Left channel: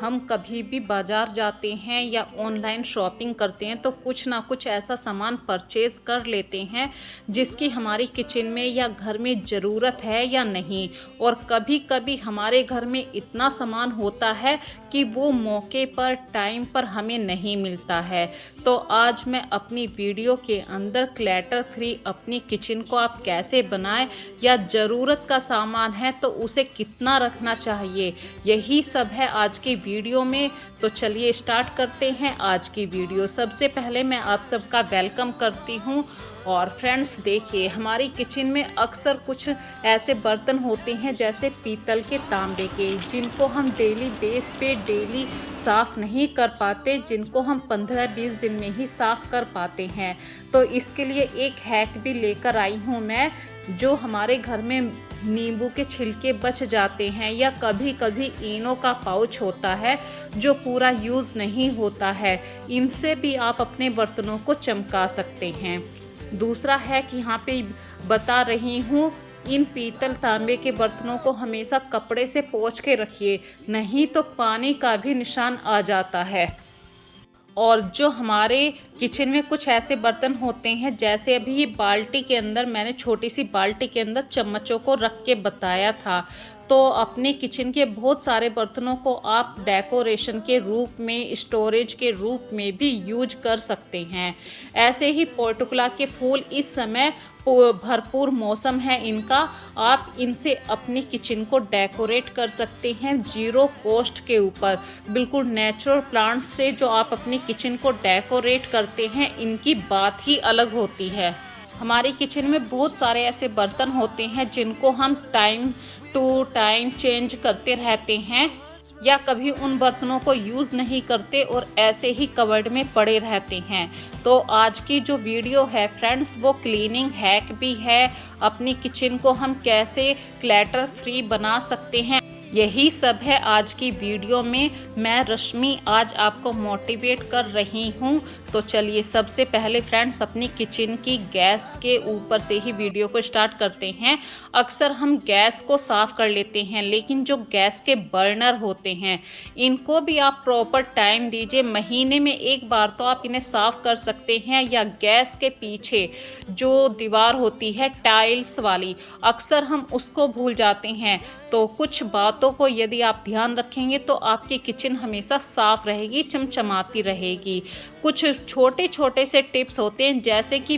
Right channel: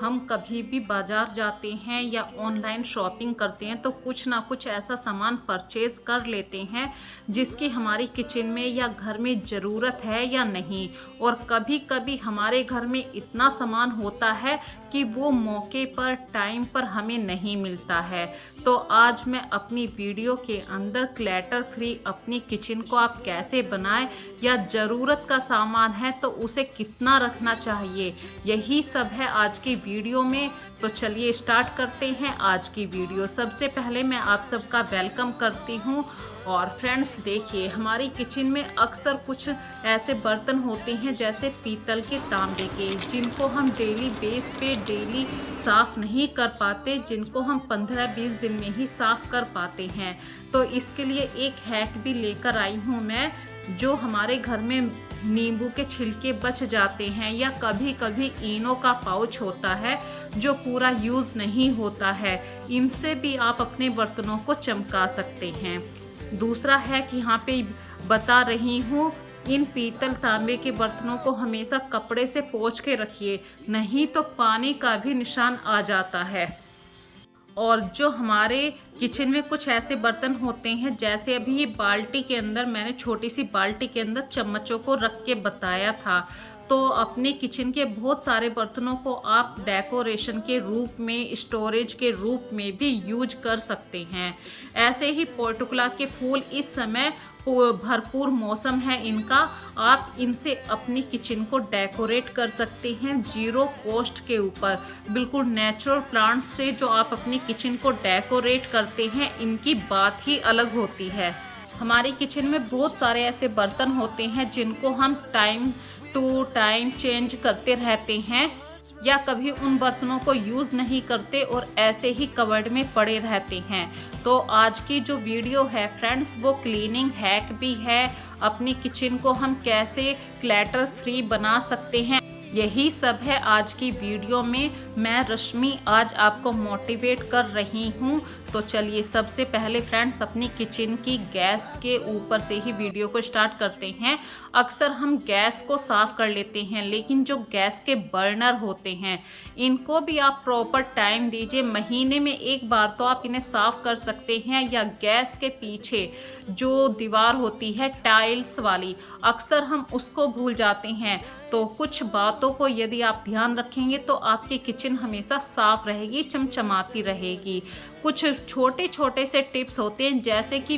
हम कभी भी बाज़ार जाते हैं या ऑनलाइन शॉपिंग करते हैं तो कुछ ना कुछ ऐसा सामान परचेज़ कर लेते हैं जिसकी हमारी किचन में या घर में ज़रूरत है या नहीं। और कभी कभी हमारे घर में इतना सामान होता है कि वो मौके पर टाइम पर हमें नहीं मिलता है। तो आज मैं अपनी वीडियो के अंदर क्लटर फ्री अपनी किचन को आप कैसे बनाएं, या ज़रूरत का सामान है तो उसे कितना रखना चाहिए, यही सब है आज की वीडियो में। तो चलिए स्टार्ट करते हैं आज की वीडियो। सबसे पहले मैं आप सबका वेलकम करती हूँ। और फ्रेंड्स देखिए, हमारी किचन में अक्सर कुछ ऐसे बर्तन होते हैं जैसे पीतल के, तांबे के, जिनको हम डेली बेस पे डेली साफ़ नहीं कर पाते, जिनको हम 15-20 दिन में ही साफ़ कर पाते हैं। तो इसके लिए एक हैक भी लेकर आई हूँ मैं। जो हमारे घर में नींबू के छिलके बच जाते हैं या कभी कभी इनो का पाउच होता है जो पूरा यूज़ नहीं होता है, इनसे भी आप अपने बर्तनों को चमका सकते हैं। दूसरा है कि यहाँ पे बता रही हूँ, इन पीतल तांबे के बर्तनों को हमेशा कपड़े से पोंछ के रखिए, नहीं तो पानी का भी निशान आ जाता है। और जो हमारे किचन में कुछ ऐसे बर्तन होते हैं, जैसे अभी ये बाल्टी के अंदर, मैंने छोटी सी बाल्टी के अंदर चम्मचों को रख के बताया था। तो अपने किचन के बहुत सारे बर्तनों को आप डेकोरेशन के रूप में, स्टोरेज के रूप में भी यूज कर सकते हैं। ऐसे ही पोर्टुगला के फूल इस समय भरपूर मौसम है इनका, आप इनसे अपनी किचन को डेकोरेट कर सकते हैं जीरो कॉस्ट के ऊपर। बिल्कुल नेचुरल प्लांट्स से जो आप अपनी किचन को डेकोरेट करते हैं, इनकी बात ही अलग होती है। हमारी किचन में बहुत सारे ऐसे बर्तन होते हैं जिनको हम टाइम टू टाइम चेंज करते रहते हैं, या कभी उन बर्तनों को यूज़ नहीं करते और ऐसे ही कबर्ड में पड़े रहते हैं। तो आज की जो वीडियो है फ्रेंड्स, वो क्लीनिंग हैक भी है। अपनी किचन को हम कैसे क्लटर फ्री बना सकते हैं, यही सब है आज की वीडियो में। मैं रश्मि आज आपको मोटिवेट कर रही हूँ। तो चलिए सबसे पहले फ्रेंड्स अपनी किचन की गैस के ऊपर से ही वीडियो को स्टार्ट करते हैं। अक्सर हम गैस को साफ़ कर लेते हैं, लेकिन जो गैस के बर्नर होते हैं इनको भी आप प्रॉपर टाइम दीजिए। महीने में एक बार तो आप इन्हें साफ़ कर सकते हैं। या गैस के पीछे जो दीवार होती है टाइल्स वाली, अक्सर हम उसको भूल जाते हैं। तो कुछ बातों को यदि आप ध्यान रखेंगे तो आपकी किचन हमेशा साफ़ रहेगी, चमचमाती रहेगी। कुछ छोटे छोटे से टिप्स होते हैं, जैसे कि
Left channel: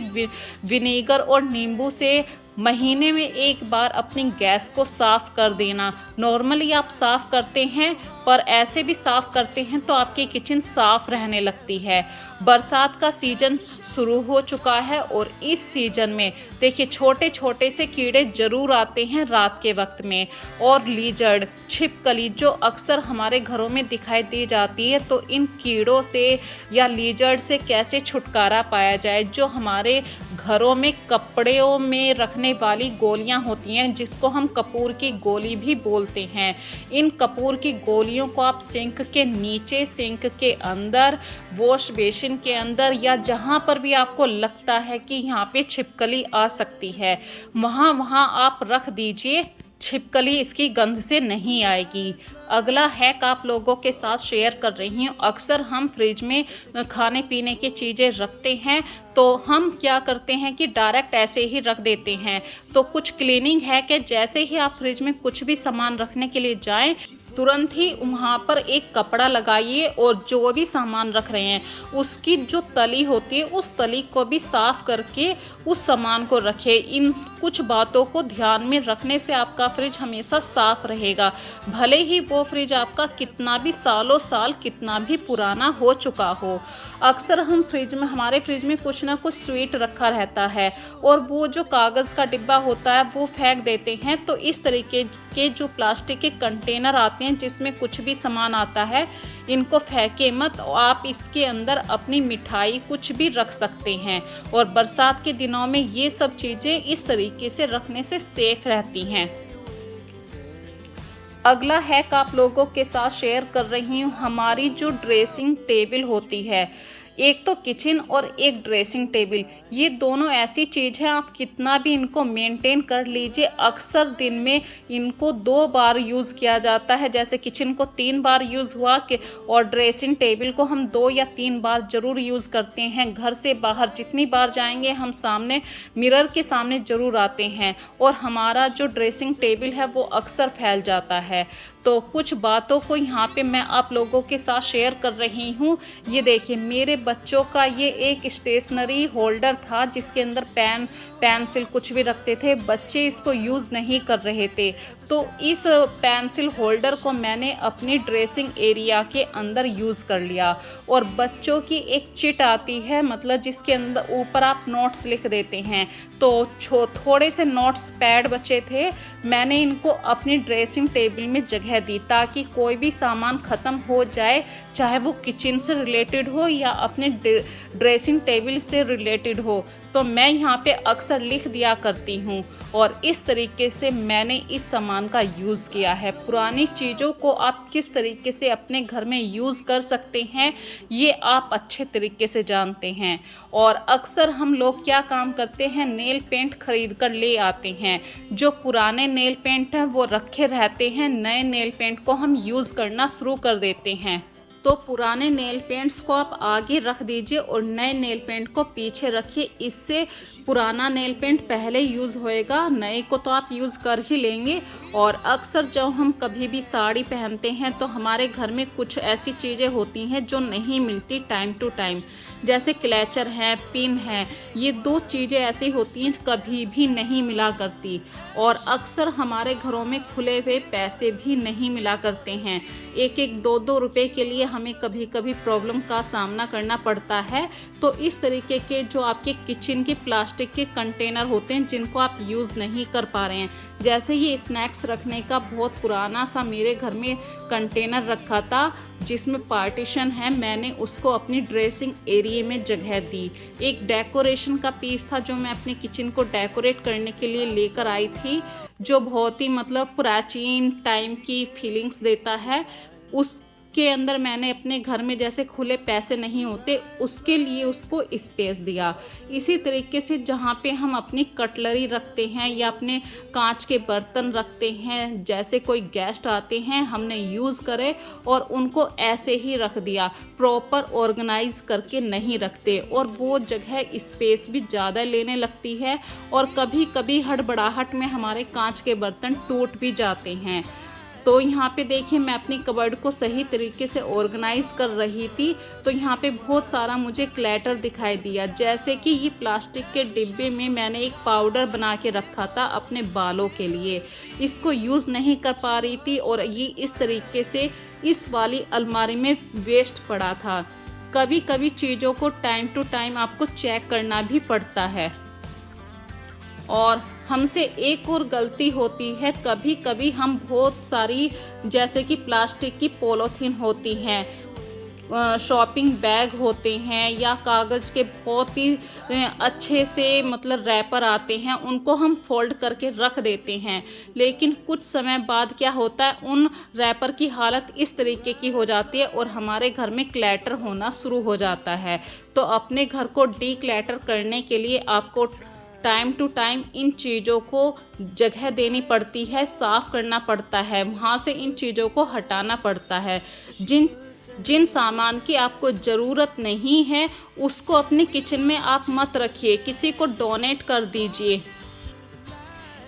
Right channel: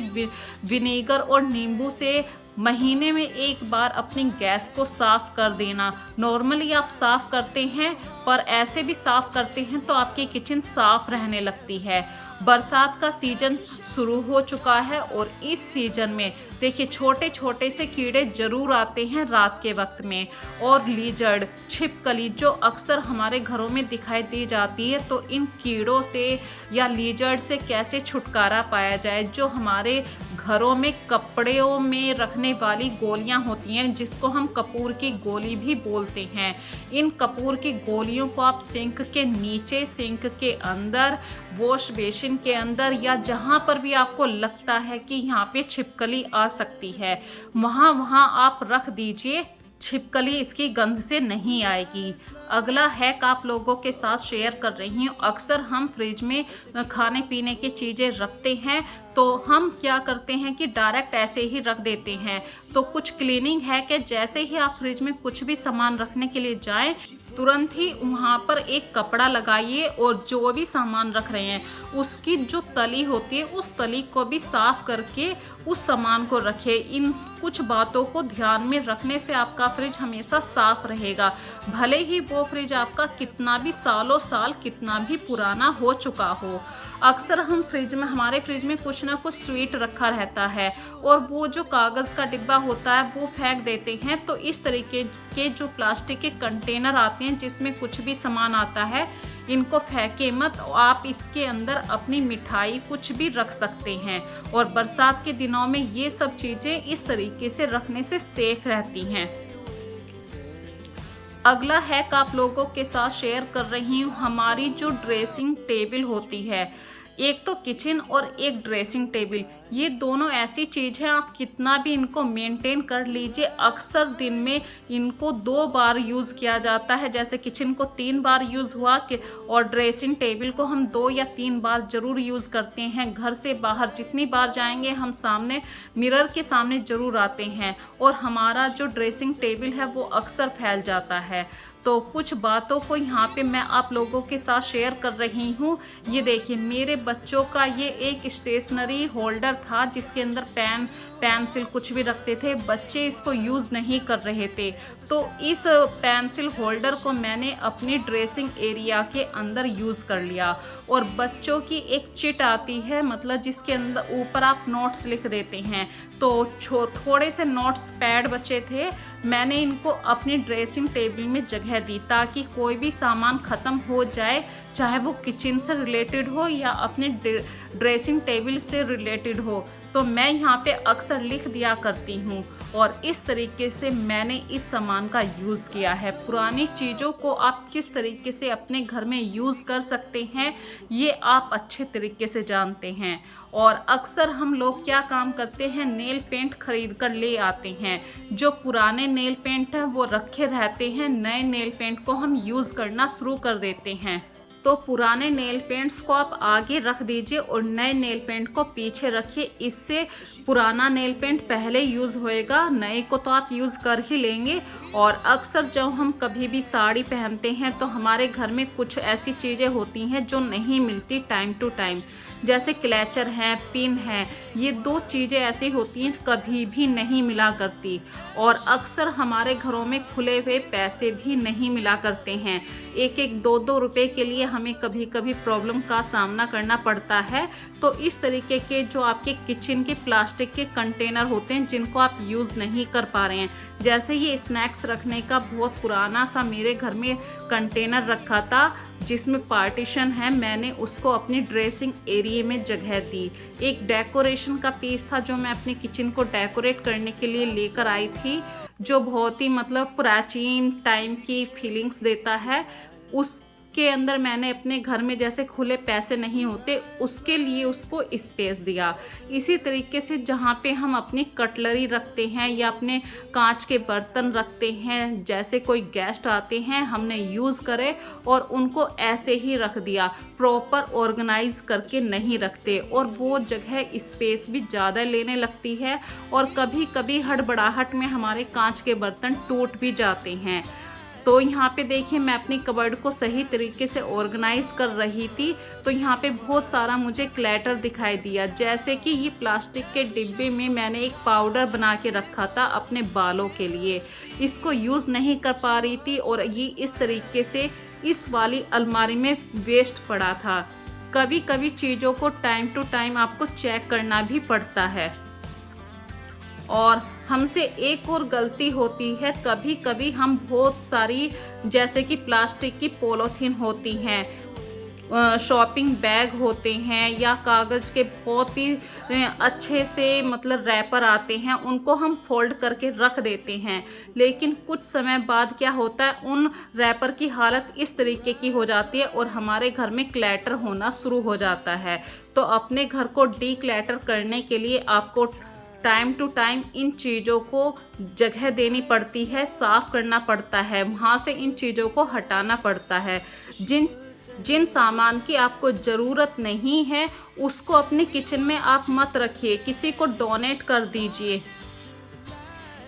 विनेगर और नींबू से महीने में एक बार अपनी गैस को साफ़ कर देना। नॉर्मली आप साफ़ करते हैं, पर ऐसे भी साफ़ करते हैं तो आपकी किचन साफ़ रहने लगती है। बरसात का सीज़न शुरू हो चुका है और इस सीज़न में देखिए छोटे छोटे से कीड़े ज़रूर आते हैं रात के वक्त में। और लीजर्ड, छिपकली जो अक्सर हमारे घरों में दिखाई दी जाती है, तो इन कीड़ों से या लीजर्ड से कैसे छुटकारा पाया जाए। जो हमारे घरों में कपड़ों में रखने वाली गोलियां होती हैं, जिसको हम कपूर की गोली भी बोलते हैं, इन कपूर की गोलियों को आप सिंक के नीचे, सिंक के अंदर, वॉश बेसिन के अंदर, या जहां पर भी आपको लगता है कि यहाँ पे छिपकली आ सकती है, वहाँ आप रख दीजिए। छिपकली इसकी गंध से नहीं आएगी। अगला हैक आप लोगों के साथ शेयर कर रही हूँ। अक्सर हम फ्रिज में खाने पीने की चीज़ें रखते हैं, तो हम क्या करते हैं कि डायरेक्ट ऐसे ही रख देते हैं। तो कुछ क्लीनिंग हैक है, जैसे ही आप फ्रिज में कुछ भी सामान रखने के लिए जाएं, तुरंत ही वहाँ पर एक कपड़ा लगाइए और जो भी सामान रख रहे हैं उसकी जो तली होती है, उस तली को भी साफ करके उस सामान को रखें। इन कुछ बातों को ध्यान में रखने से आपका फ्रिज हमेशा साफ रहेगा, भले ही वो फ्रिज आपका कितना भी सालों साल कितना भी पुराना हो चुका हो। अक्सर हम हमारे फ्रिज में कुछ ना कुछ स्वीट रखा रहता है, और वो जो कागज़ का डिब्बा होता है वो फेंक देते हैं। तो इस तरीके के जो प्लास्टिक के कंटेनर आते हैं जिसमें कुछ भी सामान आता है, इनको फेंके मत। आप इसके अंदर अपनी मिठाई कुछ भी रख सकते हैं, और बरसात के दिनों में ये सब चीज़ें इस तरीके से रखने से सेफ रहती हैं। अगला हैक आप लोगों के साथ शेयर कर रही हूँ। हमारी जो ड्रेसिंग टेबल होती है, एक तो किचन और एक ड्रेसिंग टेबल, ये दोनों ऐसी चीज़ है, आप कितना भी इनको मेंटेन कर लीजिए, अक्सर दिन में इनको 2 बार यूज़ किया जाता है। जैसे किचन को 3 बार यूज़ हुआ कि, और ड्रेसिंग टेबल को हम 2 या 3 बार ज़रूर यूज़ करते हैं। घर से बाहर जितनी बार जाएंगे हम सामने मिरर के सामने ज़रूर आते हैं, और हमारा जो ड्रेसिंग टेबल है वो अक्सर फैल जाता है। तो कुछ बातों को यहाँ पे मैं आप लोगों के साथ शेयर कर रही हूँ। ये देखिए, मेरे बच्चों का ये एक स्टेशनरी होल्डर था जिसके अंदर पेन पेंसिल कुछ भी रखते थे। बच्चे इसको यूज़ नहीं कर रहे थे, तो इस पेंसिल होल्डर को मैंने अपनी ड्रेसिंग एरिया के अंदर यूज़ कर लिया। और बच्चों की एक चिट आती है, मतलब जिसके अंदर ऊपर आप नोट्स लिख देते हैं, तो थोड़े से नोट्स पैड बचे थे, मैंने इनको अपनी ड्रेसिंग टेबल में जगह दी ताकि कोई भी सामान ख़त्म हो जाए, चाहे वो किचन से रिलेटेड हो या अपने ड्रेसिंग टेबल से रिलेटेड हो, तो मैं यहाँ पे अक्सर लिख दिया करती हूँ। और इस तरीके से मैंने इस सामान का यूज़ किया है। पुरानी चीज़ों को आप किस तरीके से अपने घर में यूज़ कर सकते हैं, ये आप अच्छे तरीके से जानते हैं। और अक्सर हम लोग क्या काम करते हैं, नेल पेंट खरीद कर ले आते हैं। जो पुराने नेल पेंट हैं वो रखे रहते हैं, नए नेल पेंट को हम यूज़ करना शुरू कर देते हैं। तो पुराने नेल पेंट्स को आप आगे रख दीजिए और नए नेल पेंट को पीछे रखिए। इससे पुराना नेल पेंट पहले यूज़ होएगा, नए को तो आप यूज़ कर ही लेंगे। और अक्सर जब हम कभी भी साड़ी पहनते हैं तो हमारे घर में कुछ ऐसी चीज़ें होती हैं जो नहीं मिलती टाइम टू टाइम, जैसे क्लैचर हैं, पिन है, ये 2 चीज़ें ऐसी होती हैं कभी भी नहीं मिला करती। और अक्सर हमारे घरों में खुले हुए पैसे भी नहीं मिला करते हैं, 1-1 2-2 रुपए के लिए हमें कभी कभी प्रॉब्लम का सामना करना पड़ता है। तो इस तरीके के जो आपके किचन के प्लास्टिक के कंटेनर होते हैं जिनको आप यूज़ नहीं कर पा रहे हैं, जैसे ये स्नैक्स रखने का बहुत पुराना सा मेरे घर में कंटेनर रखा था जिसमें पार्टीशन है, मैंने उसको अपनी ड्रेसिंग एरिया में जगह दी। एक डेकोरेशन का पीस था जो मैं अपने किचन को डेकोरेट करने के लिए लेकर आई थी, जो बहुत ही मतलब प्राचीन टाइम की फीलिंग्स देता है। उसके अंदर मैंने अपने घर में जैसे खुले पैसे नहीं होते, उसके लिए उसको स्पेस दिया। इसी तरीके से जहाँ पे हम अपनी कटलरी रखते हैं या अपने कांच के बर्तन रखते हैं, जैसे कोई गेस्ट आते हैं हमने यूज़ करे और उनको ऐसे ही रख दिया, प्रॉपर ऑर्गेनाइज करके नहीं रखते, और वो जगह स्पेस भी ज़्यादा लेने लगती है। और कभी कभी हड़बड़ाहट में हमारे कांच के बर्तन टूट भी जाते हैं। तो यहाँ पे देखिए, मैं अपनी कबर्ड को सही तरीके से ऑर्गेनाइज कर रही थी, तो यहाँ पे बहुत सारा मुझे क्लैटर दिखाई दिया। जैसे कि ये प्लास्टिक के डिब्बे में मैंने एक पाउडर बना के रखा था अपने बालों के लिए, इसको यूज़ नहीं कर पा रही थी और ये इस तरीके से इस वाली अलमारी में वेस्ट पड़ा था। कभी कभी चीज़ों को टाइम टू टाइम आपको चेक करना भी पड़ता है। और हमसे एक और गलती होती है, कभी कभी हम बहुत सारी जैसे कि प्लास्टिक की पॉलीथीन होती हैं, शॉपिंग बैग होते हैं या कागज़ के बहुत ही अच्छे से मतलब रैपर आते हैं, उनको हम फोल्ड करके रख देते हैं। लेकिन कुछ समय बाद क्या होता है, उन रैपर की हालत इस तरीके की हो जाती है और हमारे घर में क्लैटर होना शुरू हो जाता है। तो अपने घर को डी क्लैटर करने के लिए आपको टाइम टू टाइम इन चीज़ों को जगह देनी पड़ती है, साफ़ करना पड़ता है, वहाँ से इन चीज़ों को हटाना पड़ता है। जिन सामान की आपको ज़रूरत नहीं है उसको अपने किचन में आप मत रखिए, किसी को डोनेट कर दीजिए।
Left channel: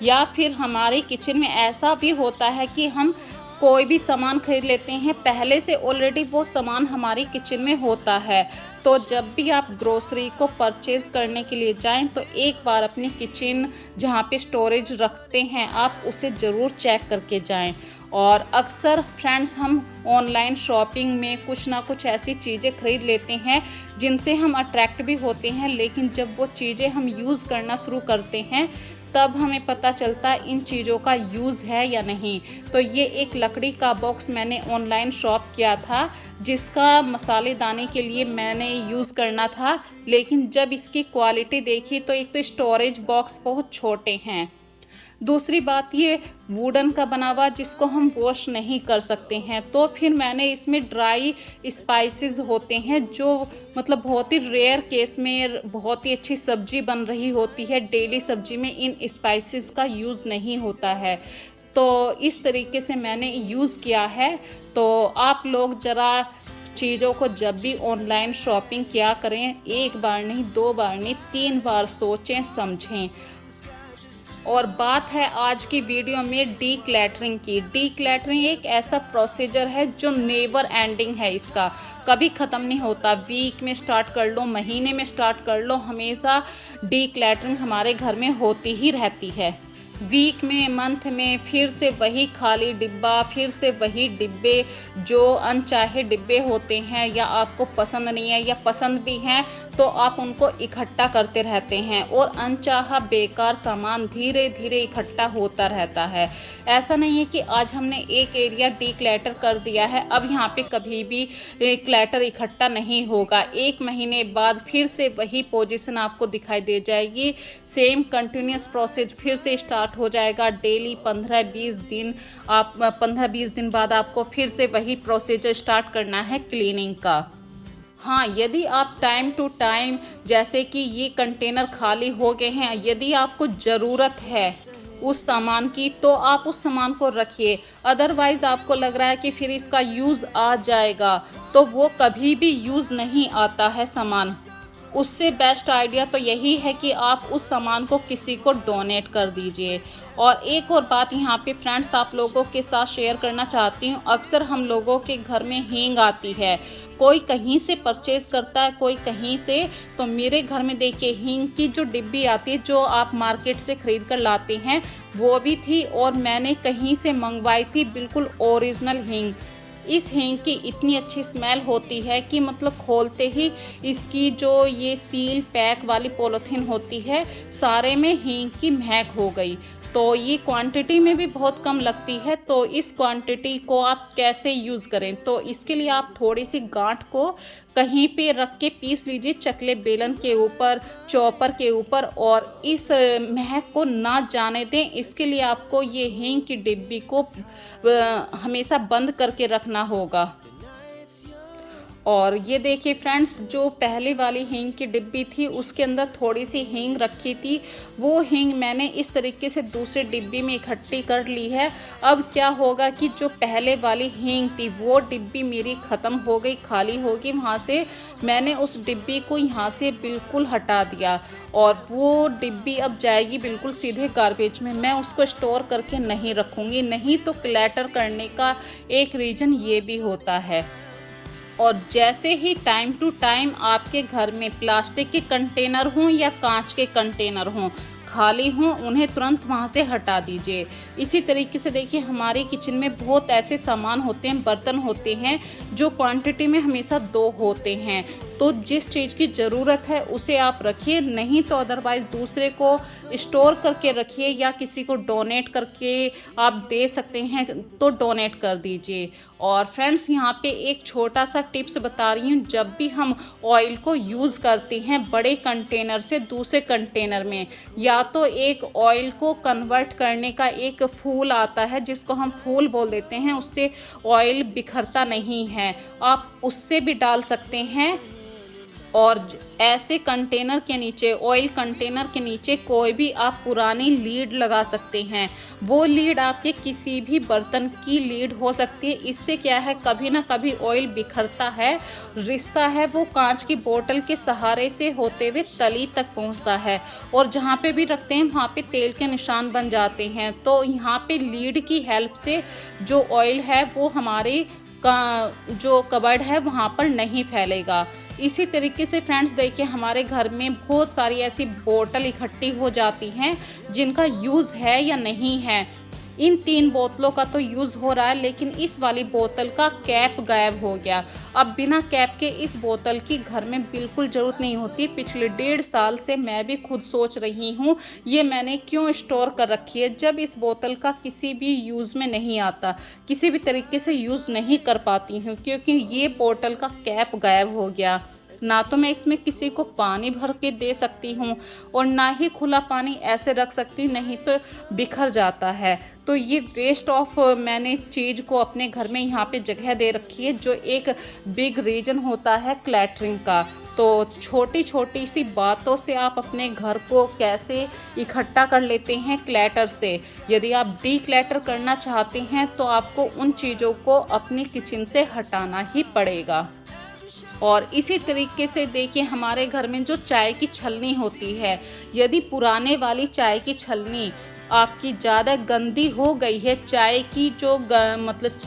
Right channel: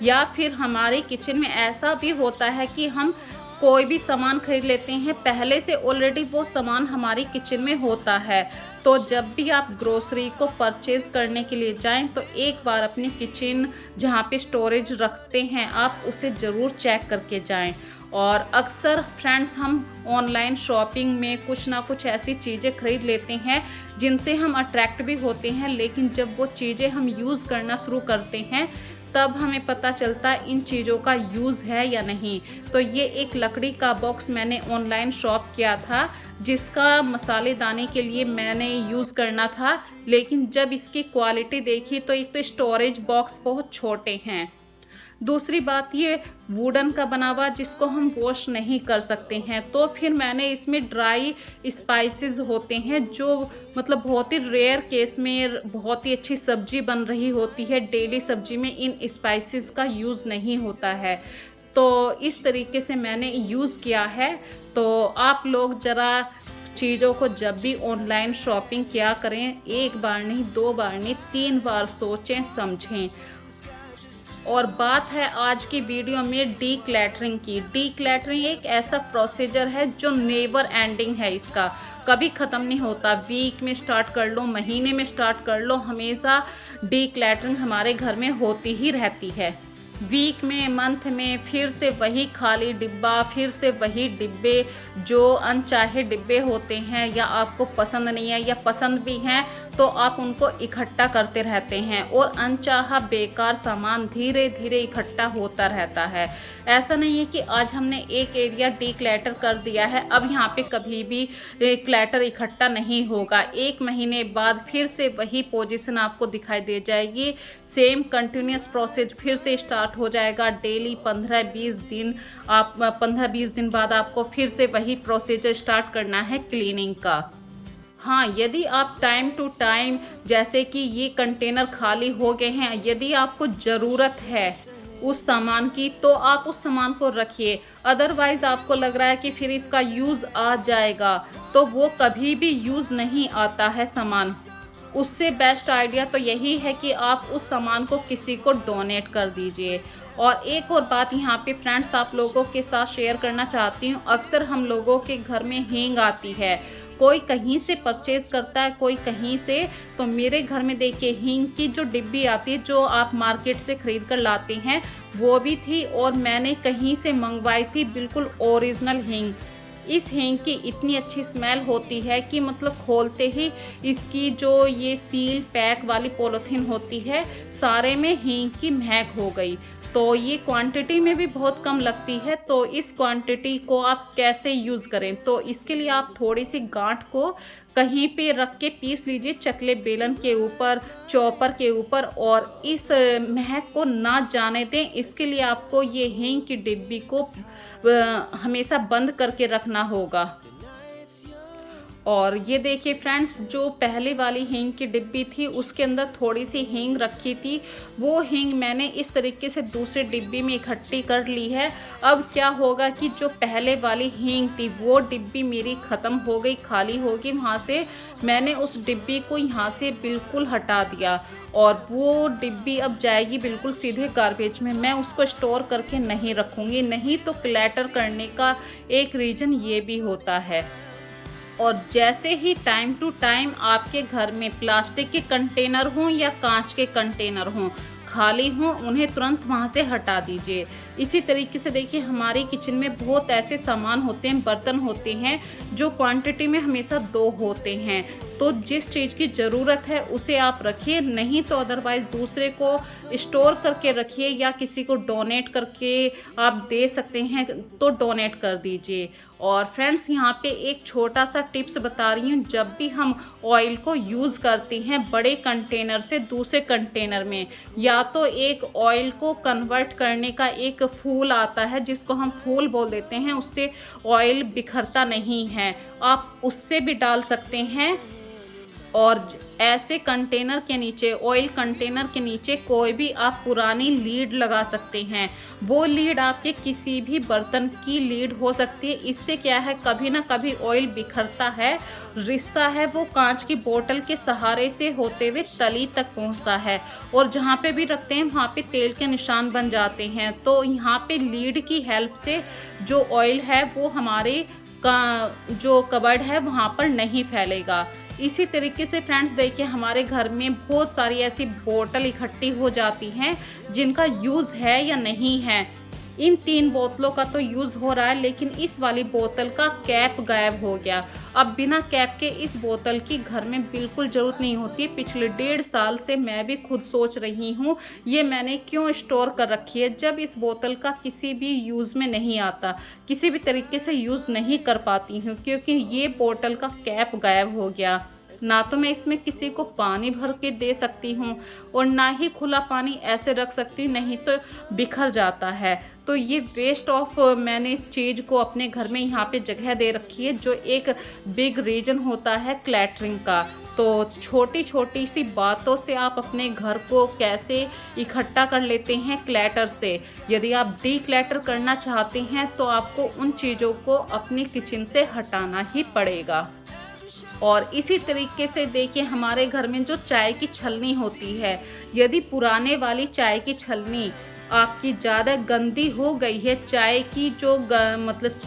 या फिर हमारे किचन में ऐसा भी होता है कि हम कोई भी सामान खरीद लेते हैं, पहले से ऑलरेडी वो सामान हमारी किचन में होता है। तो जब भी आप ग्रोसरी को परचेज़ करने के लिए जाएं तो एक बार अपनी किचन जहाँ पे स्टोरेज रखते हैं आप उसे ज़रूर चेक करके जाएं। और अक्सर फ्रेंड्स, हम ऑनलाइन शॉपिंग में कुछ ना कुछ ऐसी चीज़ें खरीद लेते हैं जिनसे हम अट्रैक्ट भी होते हैं, लेकिन जब वो चीज़ें हम यूज़ करना शुरू करते हैं तब हमें पता चलता है इन चीज़ों का यूज़ है या नहीं। तो ये एक लकड़ी का बॉक्स मैंने ऑनलाइन शॉप किया था जिसका मसालेदानी के लिए मैंने यूज़ करना था, लेकिन जब इसकी क्वालिटी देखी तो एक तो स्टोरेज बॉक्स बहुत छोटे हैं, दूसरी बात ये वुडन का बना हुआ जिसको हम वॉश नहीं कर सकते हैं। तो फिर मैंने इसमें ड्राई स्पाइसेस होते हैं जो मतलब बहुत ही रेयर केस में बहुत ही अच्छी सब्जी बन रही होती है, डेली सब्जी में इन स्पाइसेस का यूज़ नहीं होता है। तो इस तरीके से मैंने यूज़ किया है। तो आप लोग ज़रा चीज़ों को जब भी ऑनलाइन शॉपिंग किया करें, एक बार नहीं, दो बार नहीं, 3 बार सोचें समझें। और बात है आज की वीडियो में डीक्लटरिंग की। डीक्लटरिंग एक ऐसा प्रोसीजर है जो नेवर एंडिंग है, इसका कभी ख़त्म नहीं होता। वीक में स्टार्ट कर लो, महीने में स्टार्ट कर लो, हमेशा डीक्लटरिंग हमारे घर में होती ही रहती है। वीक में, मंथ में फिर से वही खाली डिब्बा, फिर से वही डिब्बे, जो अनचाहे डिब्बे होते हैं या आपको पसंद नहीं है या पसंद भी हैं तो आप उनको इकट्ठा करते रहते हैं और अनचाहा बेकार सामान धीरे धीरे इकट्ठा होता रहता है। ऐसा नहीं है कि आज हमने एक एरिया डीक्लटर कर दिया है, अब यहाँ पे कभी भी क्लटर इकट्ठा नहीं होगा। 1 महीने बाद फिर से वही पोजीशन आपको दिखाई दे जाएगी, सेम कंटिन्यूस प्रोसेस फिर से स्टार्ट हो जाएगा। डेली 15-20 दिन, आप 15-20 दिन बाद आपको फिर से वही प्रोसीजर स्टार्ट करना है क्लीनिंग का। हाँ, यदि आप टाइम टू टाइम, जैसे कि ये कंटेनर खाली हो गए हैं, यदि आपको ज़रूरत है उस सामान की तो आप उस सामान को रखिए। अदरवाइज़ आपको लग रहा है कि फिर इसका यूज़ आ जाएगा तो वो कभी भी यूज़ नहीं आता है सामान। उससे बेस्ट आइडिया तो यही है कि आप उस सामान को किसी को डोनेट कर दीजिए। और एक और बात यहाँ पे फ्रेंड्स आप लोगों के साथ शेयर करना चाहती हूँ। अक्सर हम लोगों के घर में हींग आती है, कोई कहीं से परचेज़ करता है, कोई कहीं से। तो मेरे घर में देखिए हींग की जो डिब्बी आती है जो आप मार्केट से ख़रीद कर लाते हैं वो भी थी, और मैंने कहीं से मंगवाई थी बिल्कुल ओरिजिनल हींग। इस हींग की इतनी अच्छी स्मेल होती है कि मतलब खोलते ही इसकी जो ये सील पैक वाली पॉलीथीन होती है सारे में हींग की महक हो गई। तो ये क्वांटिटी में भी बहुत कम लगती है। तो इस क्वांटिटी को आप कैसे यूज़ करें, तो इसके लिए आप थोड़ी सी गांठ को कहीं पे रख के पीस लीजिए, चकले बेलन के ऊपर, चॉपर के ऊपर, और इस महक को ना जाने दें। इसके लिए आपको ये हींग की डिब्बी को हमेशा बंद करके रखना होगा। और ये देखिए फ्रेंड्स, जो पहले वाली हींग की डिब्बी थी उसके अंदर थोड़ी सी हींग रखी थी, वो हींग मैंने इस तरीके से दूसरी डिब्बी में इकट्ठी कर ली है। अब क्या होगा कि जो पहले वाली हींग थी वो डिब्बी मेरी ख़त्म हो गई, खाली होगी। वहाँ से मैंने उस डिब्बी को यहाँ से बिल्कुल हटा दिया और वो डिब्बी अब जाएगी बिल्कुल सीधे गार्बेज में। मैं उसको स्टोर करके नहीं रखूँगी, नहीं तो क्लटर करने का एक रीज़न ये भी होता है। और जैसे ही टाइम टू टाइम आपके घर में प्लास्टिक के कंटेनर हों या कांच के कंटेनर हों खाली हों, उन्हें तुरंत वहाँ से हटा दीजिए। इसी तरीके से देखिए हमारी किचन में बहुत ऐसे सामान होते हैं, बर्तन होते हैं जो क्वांटिटी में हमेशा 2 होते हैं। तो जिस चीज़ की ज़रूरत है उसे आप रखिए, नहीं तो अदरवाइज़ दूसरे को स्टोर करके रखिए या किसी को डोनेट करके आप दे सकते हैं तो डोनेट कर दीजिए। और फ्रेंड्स यहाँ पे एक छोटा सा टिप्स बता रही हूँ, जब भी हम ऑयल को यूज़ करते हैं बड़े कंटेनर से दूसरे कंटेनर में, या तो एक ऑयल को कन्वर्ट करने का एक फूल आता है जिसको हम फूल बोल देते हैं, उससे ऑयल बिखरता नहीं है, आप उससे भी डाल सकते हैं। और ऐसे कंटेनर के नीचे, ऑयल कंटेनर के नीचे कोई भी आप पुरानी लीड लगा सकते हैं। वो लीड आपके किसी भी बर्तन की लीड हो सकती है। इससे क्या है, कभी ना कभी ऑयल बिखरता है, रिश्ता है वो कांच की बोतल के सहारे से होते हुए तली तक पहुंचता है, और जहाँ पे भी रखते हैं वहाँ पे तेल के निशान बन जाते हैं। तो यहाँ पे लीड की हेल्प से जो ऑयल है वो हमारे का जो कबर्ड है वहाँ पर नहीं फैलेगा। इसी तरीके से फ्रेंड्स देखिए हमारे घर में बहुत सारी ऐसी बोतल इकट्ठी हो जाती हैं जिनका यूज़ है या नहीं है। इन 3 बोतलों का तो यूज़ हो रहा है, लेकिन इस वाली बोतल का कैप गायब हो गया। अब बिना कैप के इस बोतल की घर में बिल्कुल ज़रूरत नहीं होती। पिछले 1.5 साल से मैं भी खुद सोच रही हूँ ये मैंने क्यों स्टोर कर रखी है, जब इस बोतल का किसी भी यूज़ में नहीं आता, किसी भी तरीके से यूज़ नहीं कर पाती हूँ, क्योंकि ये बोतल का कैप गायब हो गया। ना तो मैं इसमें किसी को पानी भर के दे सकती हूँ और ना ही खुला पानी ऐसे रख सकती हूँ, नहीं तो बिखर जाता है। तो ये वेस्ट ऑफ मैंने चीज़ को अपने घर में यहाँ पे जगह दे रखी है, जो एक बिग रीज़न होता है क्लैटरिंग का। तो छोटी छोटी सी बातों से आप अपने घर को कैसे इकट्ठा कर लेते हैं क्लैटर से। यदि आप डी क्लैटर करना चाहते हैं तो आपको उन चीज़ों को अपनी किचन से हटाना ही पड़ेगा। और इसी तरीके से देखिए, हमारे घर में जो चाय की छलनी होती है, यदि पुराने वाली चाय की छलनी आपकी ज़्यादा गंदी हो गई है, चाय की जो मतलब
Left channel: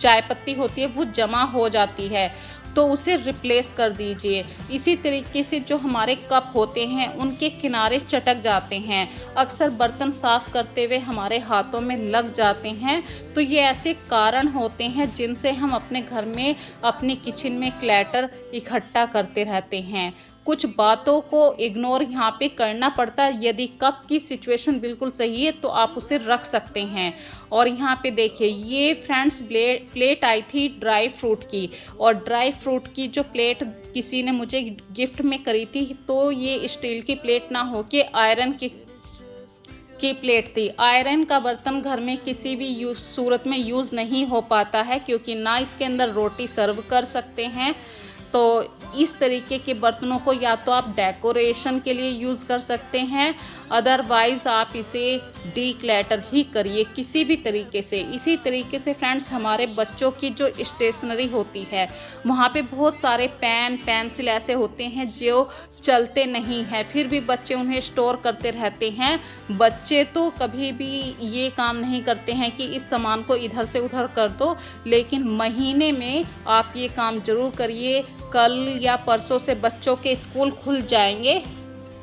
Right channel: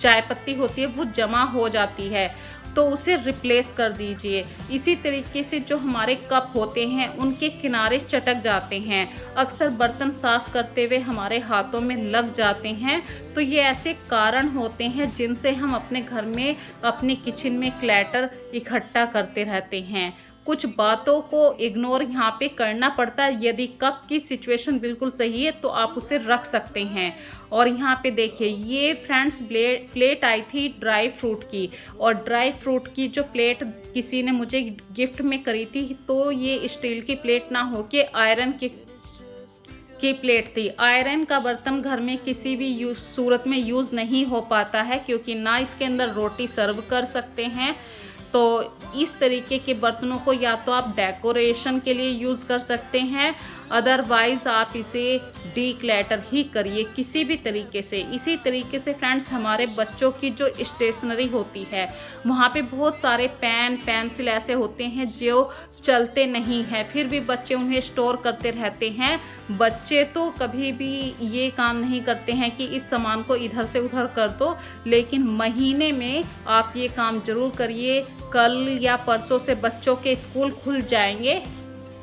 चाय पत्ती होती है वो जमा हो जाती है, तो उसे रिप्लेस कर दीजिए। इसी तरीके से जो हमारे कप होते हैं उनके किनारे चटक जाते हैं, अक्सर बर्तन साफ़ करते हुए हमारे हाथों में लग जाते हैं। तो ये ऐसे कारण होते हैं जिनसे हम अपने घर में, अपनी किचन में क्लैटर इकट्ठा करते रहते हैं। कुछ बातों को इग्नोर यहाँ पे करना पड़ता है। यदि कप की सिचुएशन बिल्कुल सही है तो आप उसे रख सकते हैं। और यहाँ पे देखिए, ये फ्रेंड्स प्लेट आई थी ड्राई फ्रूट की, और ड्राई फ्रूट की जो प्लेट किसी ने मुझे गिफ्ट में करी थी, तो ये स्टील की प्लेट ना हो के आयरन की प्लेट थी। आयरन का बर्तन घर में किसी भी सूरत में यूज़ नहीं हो पाता है, क्योंकि ना इसके अंदर रोटी सर्व कर सकते हैं। तो इस तरीके के बर्तनों को या तो आप डेकोरेशन के लिए यूज़ कर सकते हैं, अदरवाइज़ आप इसे डीक्लटर ही करिए किसी भी तरीके से। इसी तरीके से फ्रेंड्स, हमारे बच्चों की जो स्टेशनरी होती है, वहाँ पे बहुत सारे पेन पेंसिल ऐसे होते हैं जो चलते नहीं हैं, फिर भी बच्चे उन्हें स्टोर करते रहते हैं। बच्चे तो कभी भी ये काम नहीं करते हैं कि इस सामान को इधर से उधर कर दो, लेकिन महीने में आप ये काम ज़रूर करिए। कल या परसों से बच्चों के स्कूल खुल जाएंगे।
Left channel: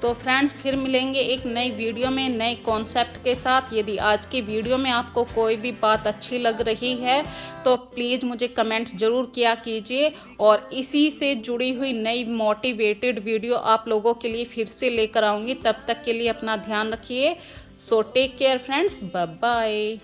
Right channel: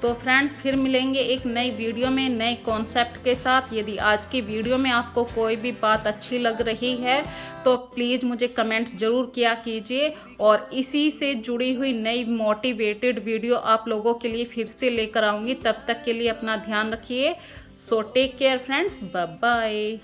तो फ्रेंड्स, फिर मिलेंगे एक नई वीडियो में नए कॉन्सेप्ट के साथ। यदि आज की वीडियो में आपको कोई भी बात अच्छी लग रही है तो प्लीज़ मुझे कमेंट ज़रूर किया कीजिए, और इसी से जुड़ी हुई नई मोटिवेटेड वीडियो आप लोगों के लिए फिर से लेकर आऊँगी। तब तक के लिए अपना ध्यान रखिए। So take care friends, bye bye.